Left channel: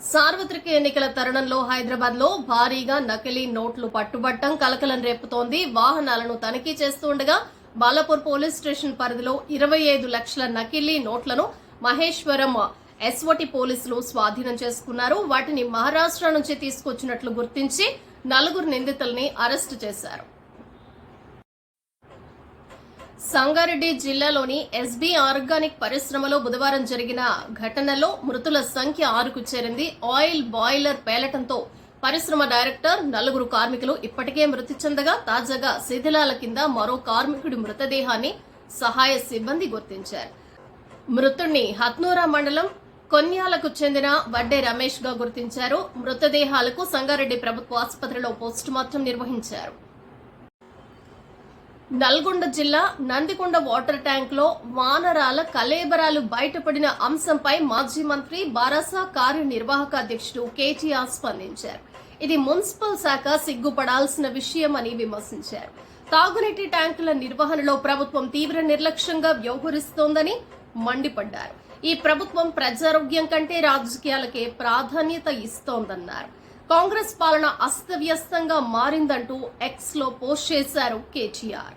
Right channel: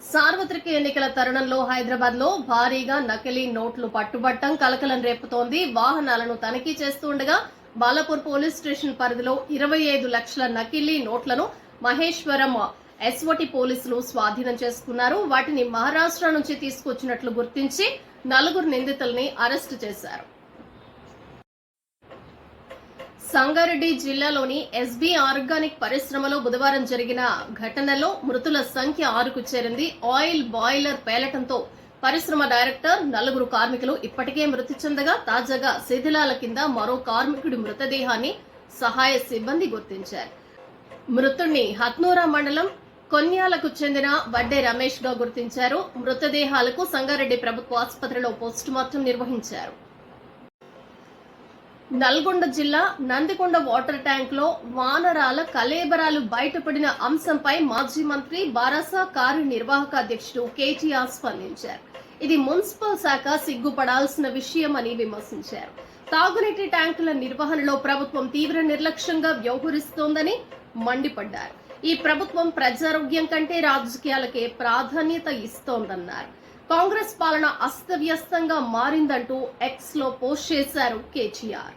సార్వత్రిక ఎన్నికల తరుణంలో హైదరాబాద్లో భారీగా నకిలీ నోట్లు పట్టుబట్టం కలకలం రేపుతోంది. వాహనాలను తనిఖీ చేస్తుండగా బాలాపూర్ పోలీస్ స్టేషన్ పరిధిలో ఇరవై ఐదు లక్షల నకిలీ నోట్లను మహేశ్వరం ఎస్ఓటి పోలీసులు స్వాధీనం చేసుకున్నారు. వాటిని మహారాష్ట్ర నుంచి తీసుకొచ్చినట్లు గుర్తించి నలుగురు నిందితుల్ని అరెస్టు చేశారు. సంగారెడ్డి జిల్లాలోని ఎస్బీ ఆర్గానిక్ పరిశ్రమలో బుధవారం జరిగిన ఘటనలో మృతుల సంఖ్య ఆరుకు చేరింది. ఆయిల్ బాయిలర్ పేలటంతో పరిశ్రమ డైరెక్టర్ నలుగురు కార్మికులు ఇప్పటికే మృతి చెందగా తాజాగా శిథిలాల కింద మరో కార్మికుడి మృతదేహాన్ని సహాయ సిబ్బంది గుర్తించారు. మృతుణ్ణి హత్నూరా మండలం కొన్యాలకు చెందిన వడ్డే రమేష్గా గుర్తించారు. మృతదేహాలకు సంగారెడ్డి ప్రభుత్వ ఆసుపత్రిలో పోస్టుమార్టం నిర్వహించారు. నల్గొండ జిల్లా నందికొండ వాటర్ ట్యాంక్లో వానరాల కలేబరాలు బయటపడిన అంశంపై మాజీ మంత్రి బారాసా కార్యనిర్వాహక అధ్యక్షుడు కేటీఆర్ స్పందించారు. ఇది మున్సిపల్ శాఖ సిగ్గుపడాల్సిన విషయం అని విమర్శించారు. తాగునీటి ట్యాంకుల నిర్వహణలో ప్రభుత్వం తీవ్ర నిర్లక్ష్యంగా వ్యవహరిస్తోందని మండిపడ్డారు. ఈ ప్రభుత్వం ప్రజారోగ్యం కంటే రాజకీయాలకే ప్రాధాన్యత ఇస్తోందన్నారు. కాంగ్రెస్ పాలన అస్తవ్యస్తంగా మారిందంటూ ఎక్స్లో పోస్ట్ చేశారు కేటీఆర్.